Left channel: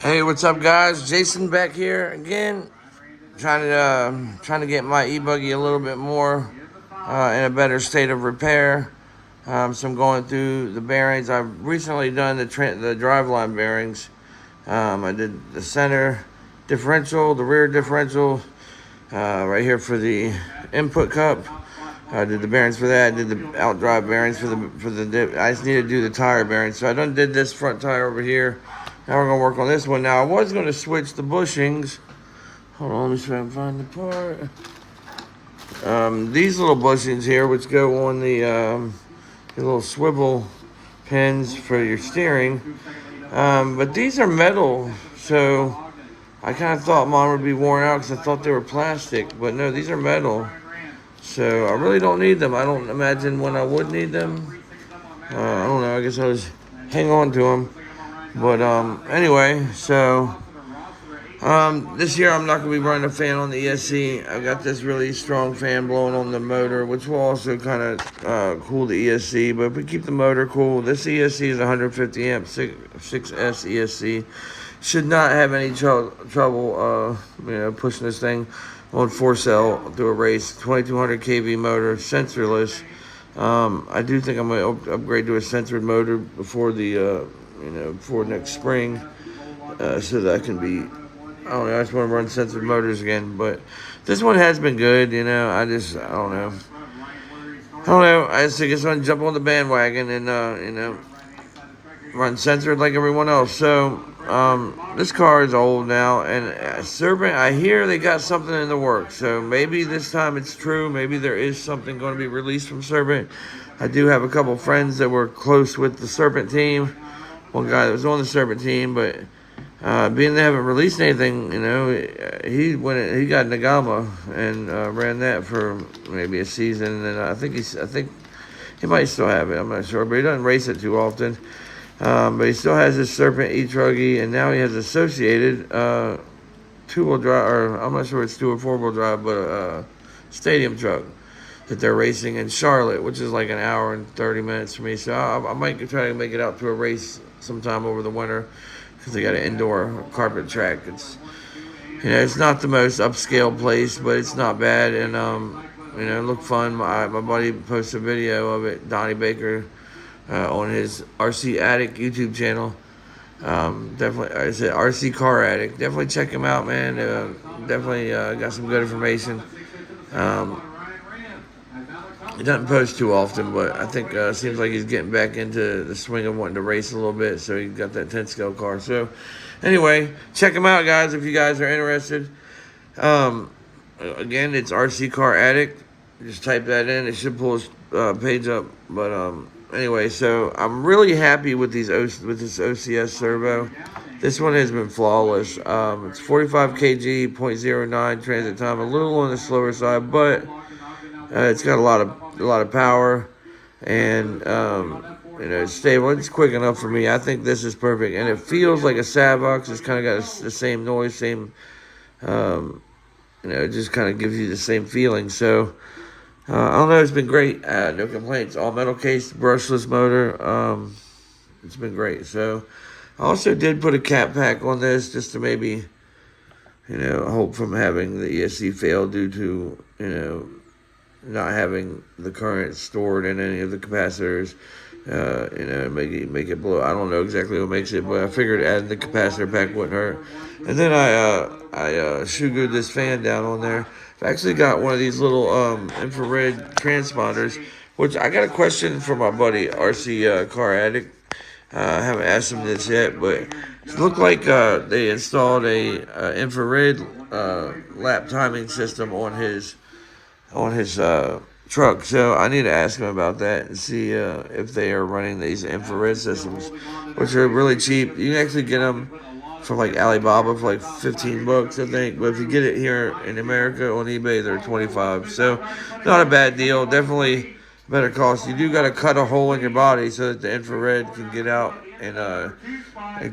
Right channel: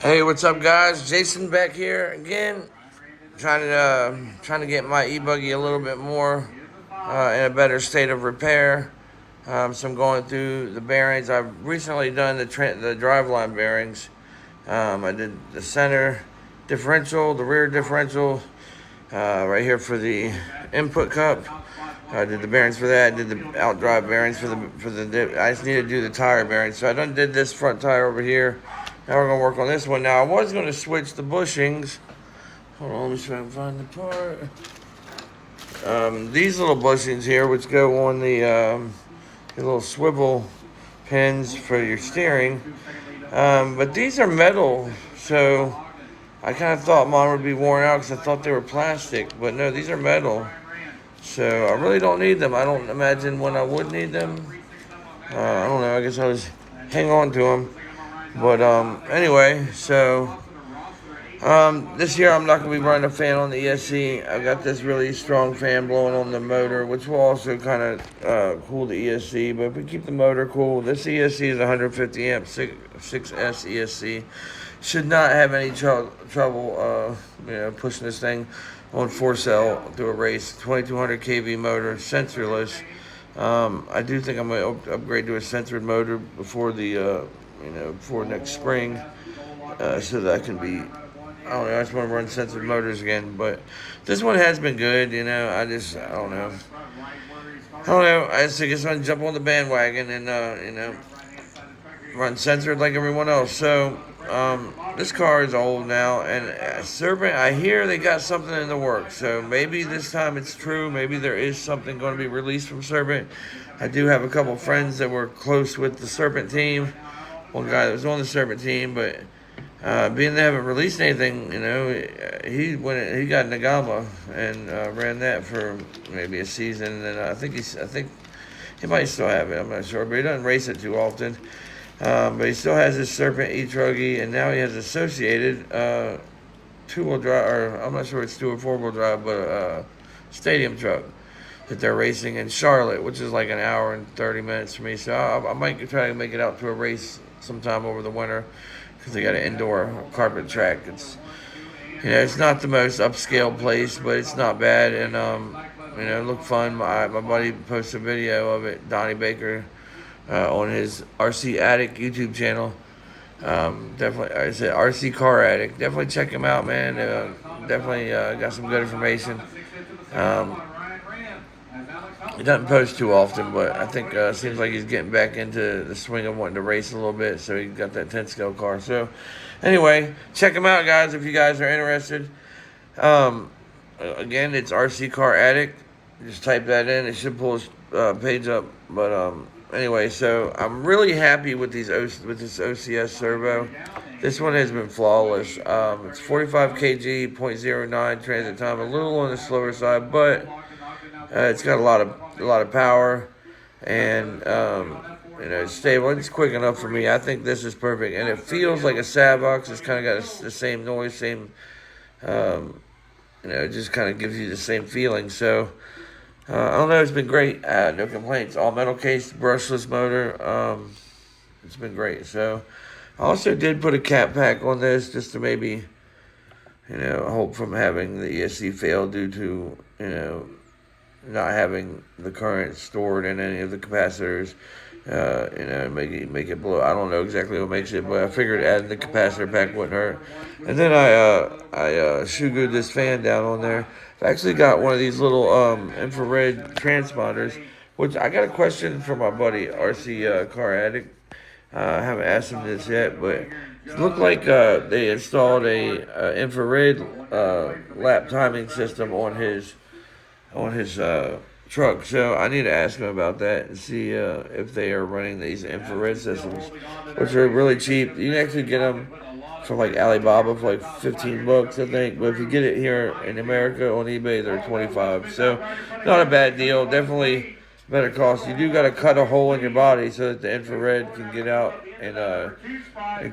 Hey, what's up, guys? Jason back here again, trying to get my e-buggy a little bit more in a better state of repair. So I'm going through the bearings. I've recently done the driveline bearings. I did the center differential, the rear differential, right here for the input cup. I did the bearings for that. I did the outdrive bearings I just need to do the tire bearings. So I done did this front tire over here. Now we're gonna work on this one. Now I was gonna switch the bushings. Hold on, let me try and find the part. These little bushings here, which go on the little swivel pins for your steering. But these are metal, so I kind of thought mine would be worn out because I thought they were plastic. But no, these are metal. So I really don't need them. I don't imagine when I would need them. I don't know. I guess I was hang on to them. But anyway, so this year I'm not going to be running a fan on the ESC. I've got this really strong fan blowing on the motor, which will also kind of cool the ESC. But if we keep the motor cool, this ESC is 150 amp 6S ESC. Should not have any trouble pushing this thing on 4-cell through a race. 2200 kV motor, sensorless. I do think I'm going to upgrade to a sensored motor before before next spring, so that I can be, I don't know, I just want to run sensored motors again. But this one has been good, I don't know. I just want to jump on the bandwagon and, run censored like everyone else. So, this car is old now, and Serpent, I hear they got something in the works. So maybe this time it's true. Maybe there is something going to be released from Serpent. I do have a couple friends that were close with the Serpent team. One guy that was on the Serpent team, but being they haven't released anything, he got Nagama and ran that for maybe a season, and I think he might still have it. I'm not sure, but he doesn't race it too often. But he still has his Serpent Ebuggy, and now he has associated two-wheel drive, or I'm not sure it's 2 or 4-wheel drive, but stadium truck that they're racing in Charlotte, which is like an hour and 30 minutes for me. So I might try to make it out to a race sometime over the winter because they got an indoor carpet track. It's not the most upscale place, but it's not bad, and it looked fun. My buddy posted a video of it, Donnie Baker, on his RC Addict YouTube channel. Definitely, I said RC Car Addict. Definitely check him out, man. Definitely got some good information. He doesn't post too often, but I think it seems like he's getting back into the swing of wanting to race a little bit. So he got that 10 scale car. So anyway, check him out, guys, if you guys are interested. Again, it's RC Car Addict. Just type that in. It should pull his page up. But anyway, so I'm really happy with this OCS servo. This one has been flawless. It's 45 kg, 0.09 transit time, a little on the slower side, but it's got a lot of power, and it's stable. It's quick enough for me. I think this is perfect, and it feels like a Savox. It's kind of got the same noise, same. It just kind of gives you the same feeling. So. I don't know, it's been great. No complaints. All metal case, brushless motor. It's been great. So, I also did put a cap pack on this just to maybe, hope from having the ESC fail due to, not having the current stored in any of the capacitors. Make it blow. I don't know exactly what makes it, but I figured adding the capacitor pack wouldn't hurt. And then I shoe-glued this fan down on there. I actually got one of these little infrared transponders, which I got a question from my buddy, RC Car Addict. I haven't asked him this yet, but it looked like they installed a infrared lap timing system on his truck. So I need to ask him about that and see if they are running these infrared systems, which are really cheap. You can actually get them from like Alibaba for like $15, I think. But if you get it here in America on eBay, they're $25. So not a bad deal. Definitely better cost. You do got to cut a hole in your body so that the infrared can get out and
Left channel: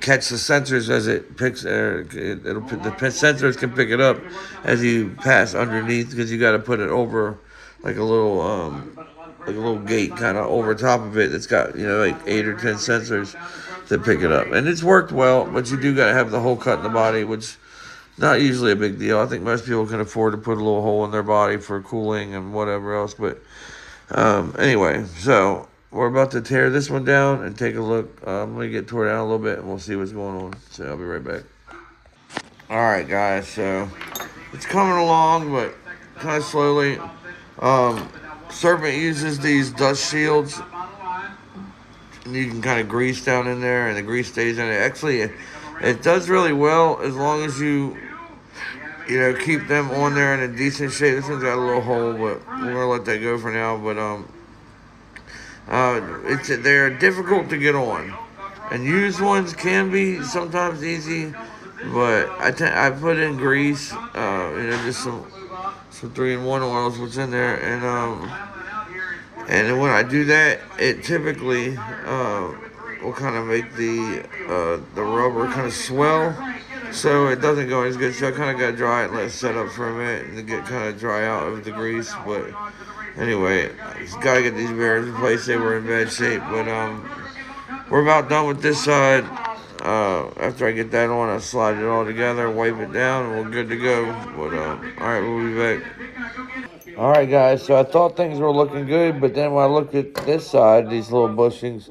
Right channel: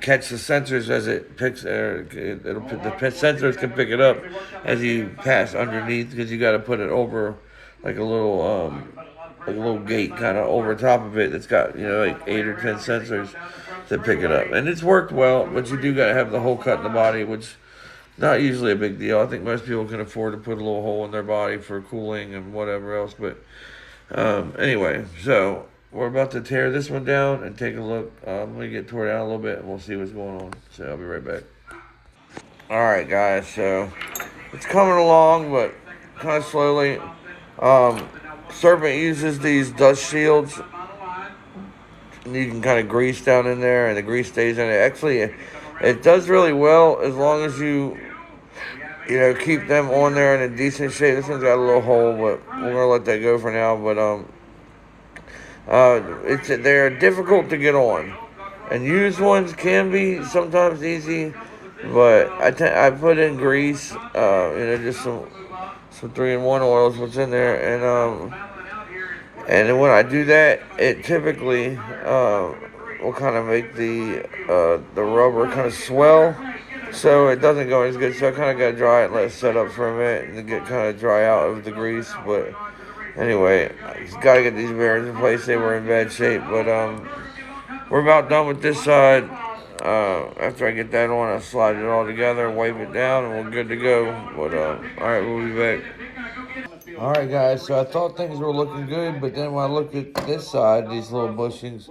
catch the sensors as it picks. The sensors can pick it up as you pass underneath, because you got to put it over like a little gate kind of over top of it that's got like 8 or 10 sensors. to pick it up. And it's worked well, but you do got to have the hole cut in the body, which not usually a big deal. I think most people can afford to put a little hole in their body for cooling and whatever else. But anyway, so we're about to tear this one down and take a look. I'm going to get tore down a little bit and we'll see what's going on. So I'll be right back. All right, guys. So it's coming along, but kind of slowly. Serpent uses these dust shields. And you can kind of grease down in there, and the grease stays in it. Actually, it does really well as long as you keep them on there in a decent shape. This one's got a little hole, but we're gonna let that go for now. But they're difficult to get on, and used ones can be sometimes easy. But I put in grease, just some 3-in-1 oils, what's in there, and then when I do that, it typically will kind of make the rubber kind of swell, so it doesn't go as good. So I kind of got to dry it and let it set up for a minute and get kind of dry out of the grease. But anyway, I just got to get these bearings in place. They were in bad shape, but we're about done with this side. After I get that on, I slide it all together, wipe it down, and we're good to go. But all right, we'll be back. All right, guys, so I thought things were looking good, but then when I looked at this side, these little bushings,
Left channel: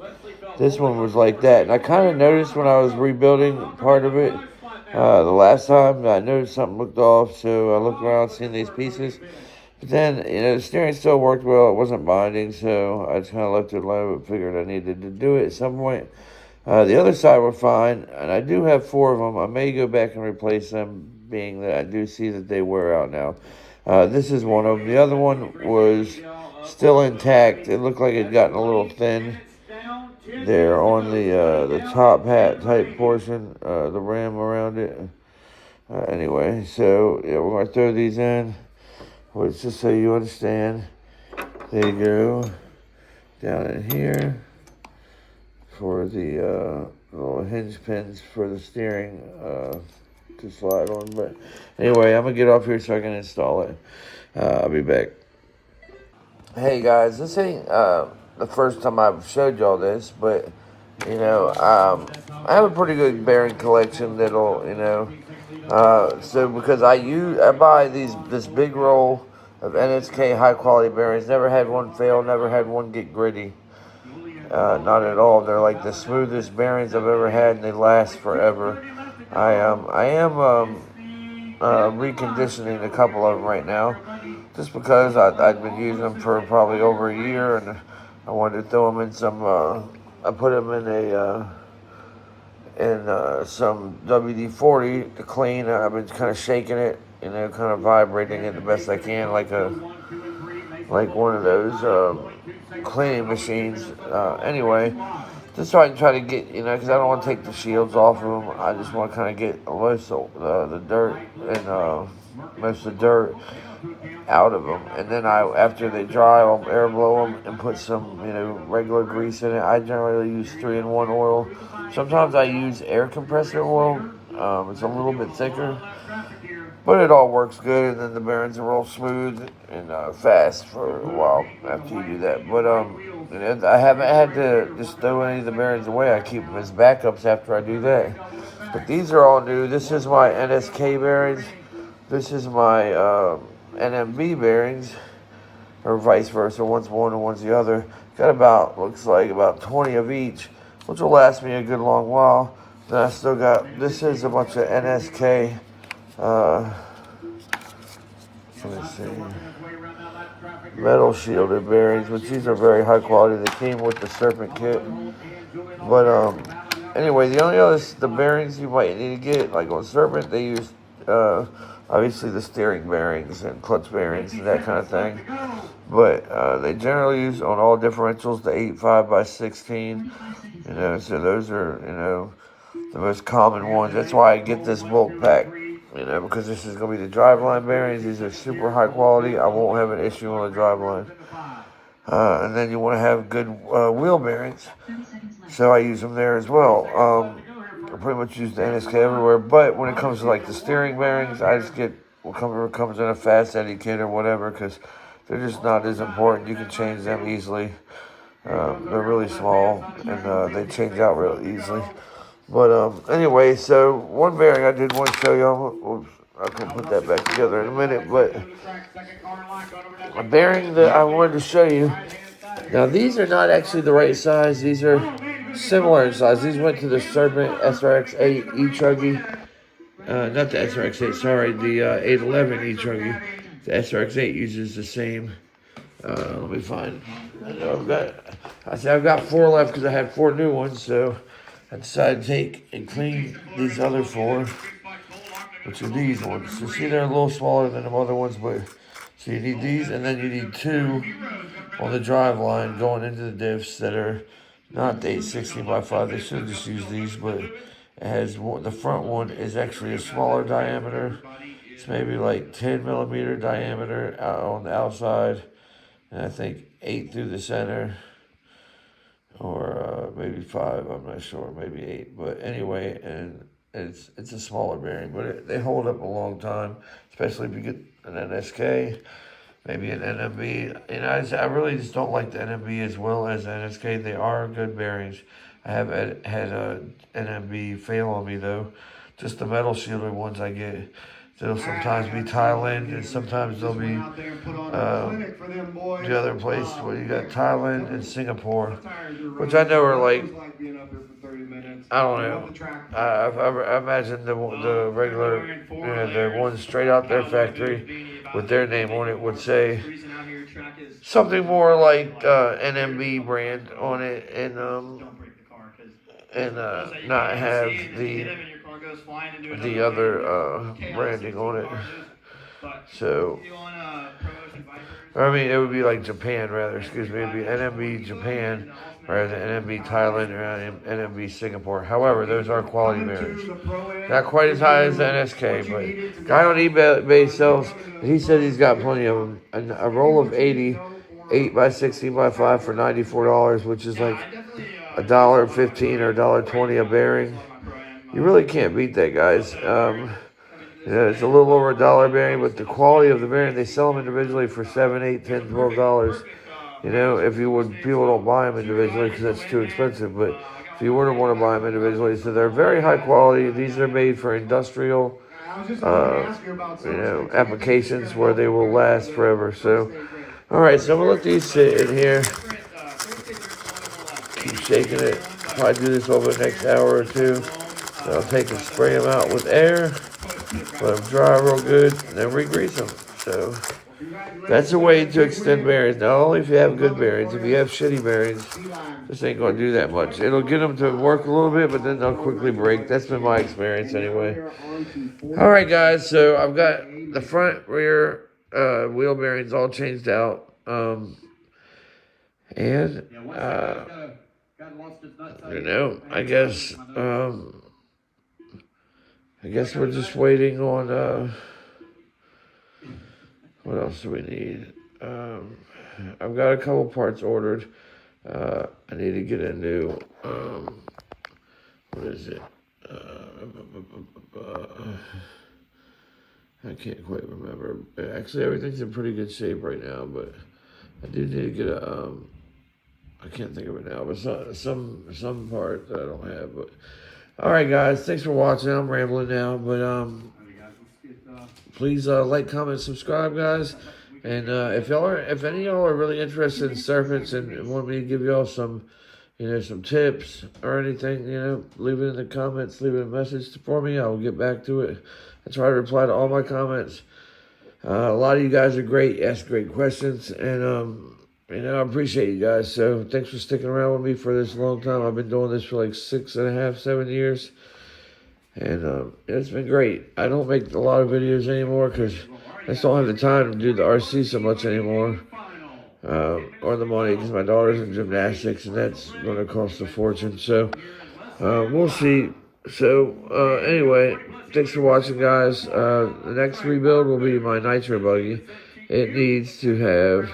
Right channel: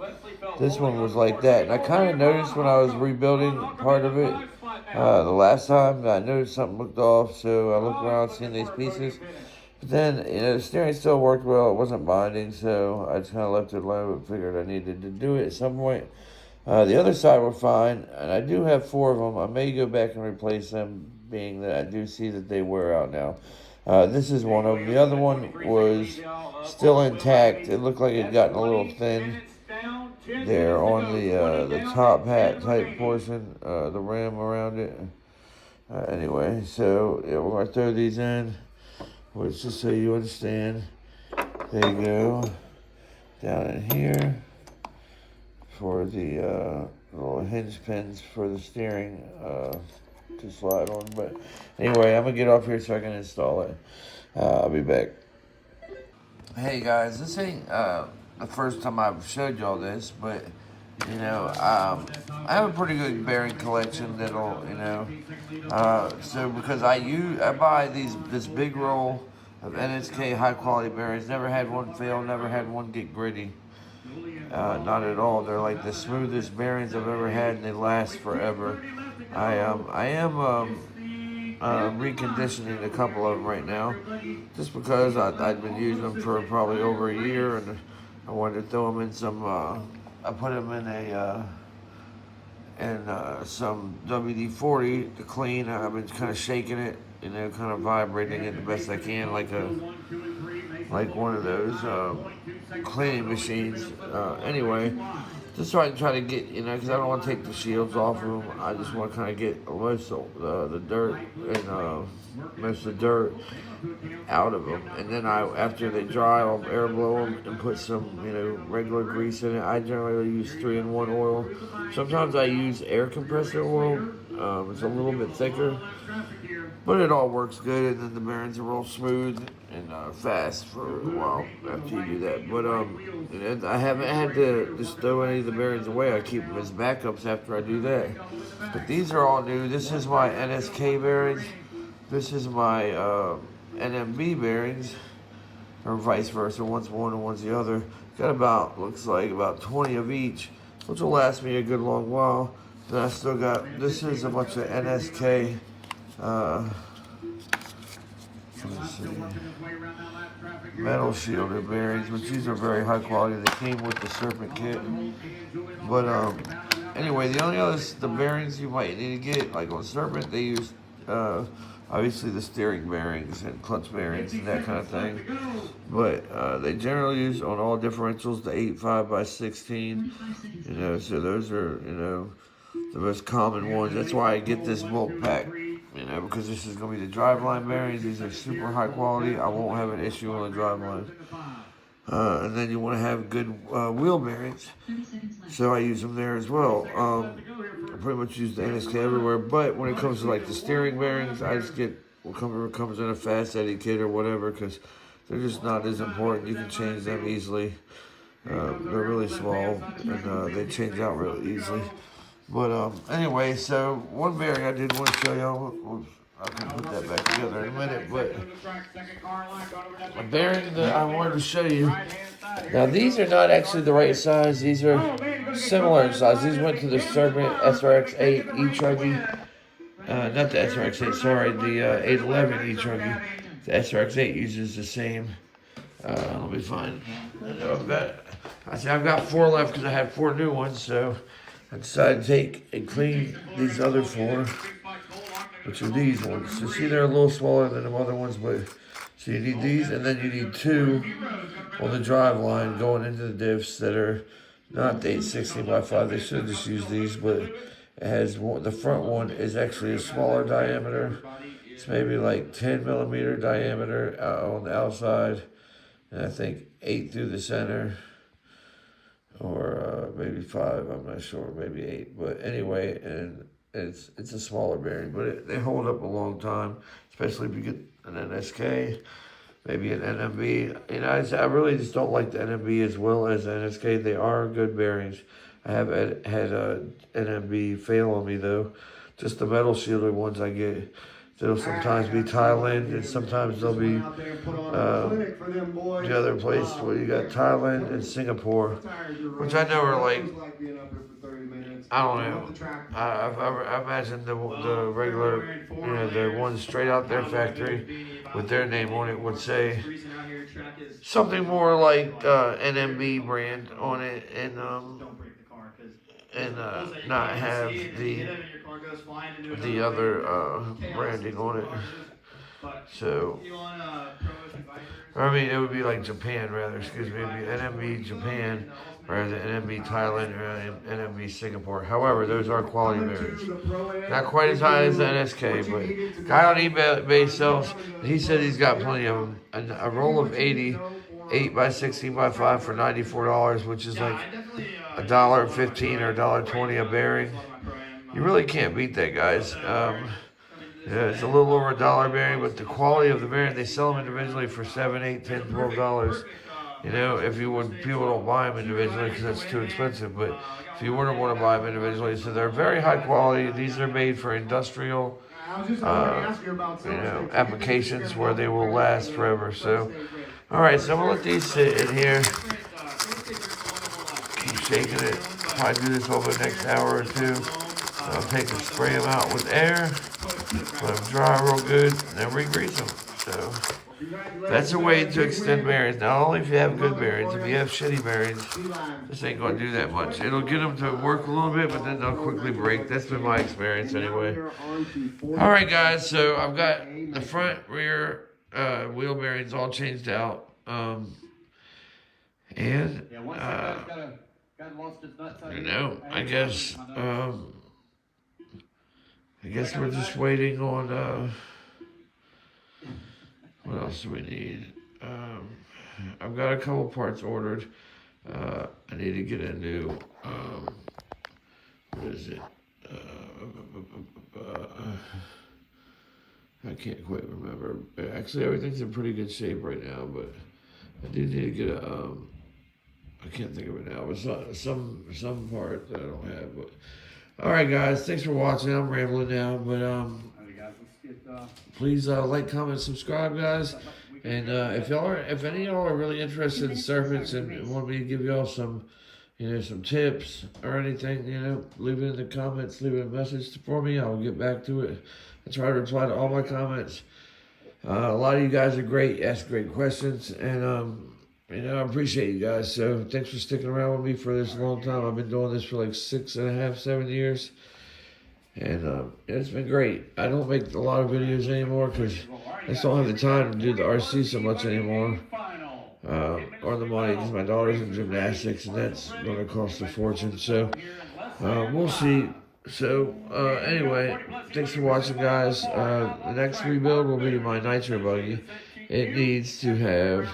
this one was like that. And I kind of noticed when I was rebuilding part of it the last time, I noticed something looked off, so I looked around seeing these pieces. But then, the steering still worked well. It wasn't binding, so I just kind of left it alone, but figured I needed to do it at some point. The other side were fine, and I do have 4 of them. I may go back and replace them, being that I do see that they wear out now. This is one of them. The other one was still intact. It looked like it had gotten a little thin there on the top hat type portion, the rim around it. Anyway, so yeah, we're going to throw these in. Which, just so you understand, they go down in here for the little hinge pins for the steering to slide on. But anyway, I'm going to get off here so I can install it. I'll be back. Hey guys, this ain't the first time I've showed y'all this, but I have a pretty good bearing collection that'll, so because I buy this big roll of NSK high quality bearings. Never had one fail, never had one get gritty. Not at all. They're like the smoothest bearings I've ever had, and they last forever. I am reconditioning a couple of them right now, just because I've been using them for probably over a year, and I wanted to throw them in some. I put them in some WD-40 to clean. I've been kind of shaking it, kind of vibrating it the best I can, like one of those cleaning machines. Anyway, just so I can try to get, because I don't want to take the shields off of them. I just want to kind of get most of the dirt and most of the dirt out of them. And then after they dry, I'll air blow them and put some, regular grease in it. I generally use 3-in-1 oil. Sometimes I use air compressor oil. It's a little bit thicker, but it all works good. And then the bearings are real smooth and fast for a while after you do that. But I haven't had to just throw any of the bearings away. I keep them as backups after I do that. But these are all new. This is my NSK bearings. This is my NMB bearings, or vice versa. One's one and one's the other. Got looks like about 20 of each, which will last me a good long while. Then I still got, this is a bunch of NSK, let's see, metal shielded bearings, which these are very high quality. They came with the Serpent kit. But anyway, the bearings you might need to get, like on Serpent, they use obviously the steering bearings and clutch bearings and that kind of thing. But they generally use on all differentials the 8.5x16. So those are, the most common ones. That's why I get this bulk pack, because this is going to be the driveline bearings. These are super high quality. I won't have an issue on the driveline. And then you want to have good wheel bearings. So I use them there as well. I pretty much use the NSK everywhere. But when it comes to like the steering bearings, I just get whatever comes in a Fast Eddie kit or whatever, because they're just not as important. You can change them easily. They're really small, and they change out real easily. But anyway, so one bearing I did want to show y'all. I can put that back together in a minute, but a bearing that I wanted to show you. Now, these are not actually the right size. These are similar in size. These went to the Serpent SRX8 Ebuggy. Not the SRX8, sorry, the 811 Ebuggy. The SRX8 uses the same. Let me find. I've got 4 left because I had 4 new ones, so I decided to take and clean these other 4, which are these ones. So see, they're a little smaller than the other ones, but so you need these, and then you need 2 on the drive line going into the diffs that are not the 860x5. They should have just used these, but it has the front one is actually a smaller diameter. It's maybe like 10 millimeter diameter on the outside, and I think 8 through the center, or maybe 5. I'm not sure, maybe 8. But anyway, and it's a smaller bearing, but they hold up a long time, especially if you get an NSK. Maybe an NMB. And I really just don't like the NMB as well as the NSK. They are good bearings. I have had a NMB fail on me though. Just the metal shielded ones I get. They'll sometimes be Thailand, and sometimes they'll be the other place where you got Thailand and Singapore, which I know are like, I don't know. I imagine the regular, the ones straight out their factory with their name on it would say something more like NMB brand on it, and not have the other branding on it. So, I mean, it would be like Japan rather, excuse me. It would be NMB Japan rather than NMB Thailand or NMB Singapore. However, those are quality bearings. Not quite as high as the NSK, but guy on eBay sells, he said he's got plenty of them. A roll of 80, 8x16x5 for $94, which is like $1.15 or $1.20 a bearing. You really can't beat that, guys. Yeah, it's a little over $1 bearing, but the quality of the bearing, they sell them individually for $7, $8, $10, $12. You know, if you would, people don't buy them individually because that's too expensive. But if you wouldn't want to buy them individually, so they're very high quality. These are made for industrial, applications where they will last forever. So, all right, so I'm gonna let these sit in here. Keep shaking it. Probably do this over the next hour or 2. I'll take and spray them out with air. Let them dry real good, and then re-grease them. So that's a way to extend bearings. Not only if you have good bearings, if you have shitty bearings, this ain't going to do that much. It'll get them to work a little bit, but then they'll quickly break. That's been my experience anyway. All right, guys, so I've got the front, rear wheel bearings all changed out. I guess we're just waiting on, what else do we need? I've got a couple parts ordered. I need to get a new, what is it? I can't quite remember. Actually, everything's in pretty good shape right now, but I do need to get a, I can't think of it now, but some part that I don't have, but. All right, guys. Thanks for watching. I'm rambling now, but please like, comment, subscribe, guys. And if any of y'all are really interested in serpents and want me to give y'all some, some tips or anything, leave it in the comments. Leave a message for me. I will get back to it. I try to reply to all my comments. A lot of you guys are great. Ask great questions, and I appreciate you guys. So thanks for sticking around with me for this long time. I've been doing this for like 6.5, 7 years. And it's been great. I don't make a lot of videos anymore because I just don't have the time to do the RC so much anymore. Or the money, because my daughter's in gymnastics and that's going to cost a fortune. So we'll see. So anyway, thanks for watching, guys. The next rebuild will be my nitro buggy. It needs to have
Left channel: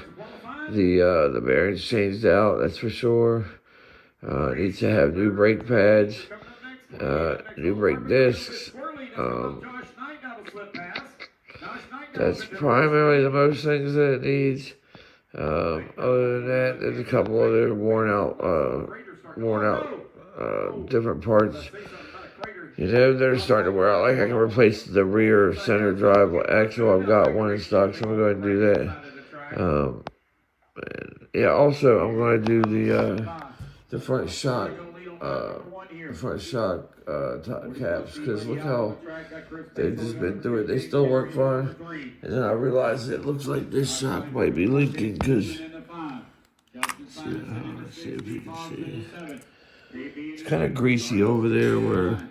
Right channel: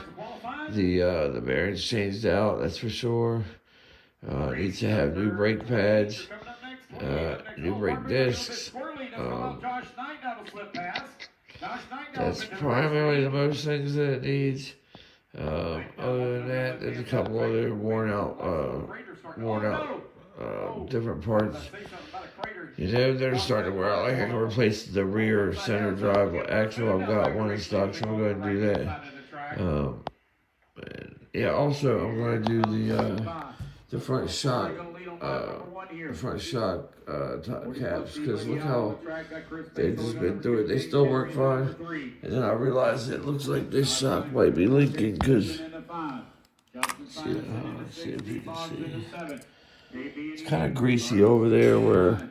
the bearings changed out, that's for sure. It needs to have new brake pads, new brake discs. That's primarily the most things that it needs. Other than that, there's a couple other worn out different parts. You know, they're starting to wear out. Like I can replace the rear center drive axle. I've got one in stock, so I'm going to do that. Yeah, also I'm going to do the front shock, top caps, because look how they've just been through it. They still work fine, and then I realized it looks like this shock might be leaking because. Let's see if you can see. It's kind of greasy over there where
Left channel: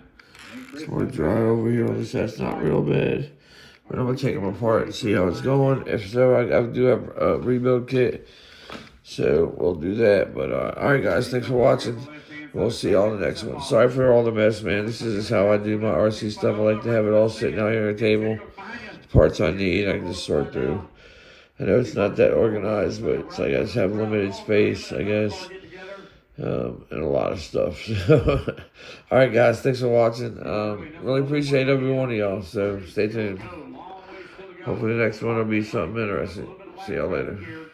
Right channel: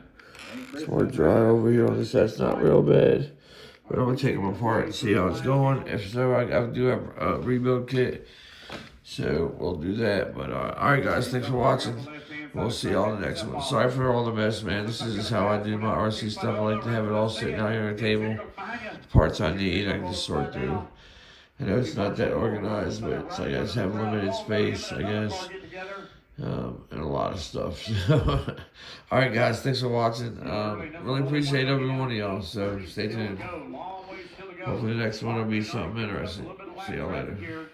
it's more dry over here on this side. It's not real bad. But I'm going to take them apart and see how it's going. If so, I do have a rebuild kit. So we'll do that. But alright guys, thanks for watching. We'll see y'all in the next one. Sorry for all the mess, man. This is just how I do my RC stuff. I like to have it all sitting out here on the table. The parts I need, I can just sort through. I know it's not that organized, but it's, I guess, have limited space, I guess. And a lot of stuff. Alright guys, thanks for watching. Really appreciate every one of y'all, so stay tuned. Hopefully the next one will be something interesting. See y'all later.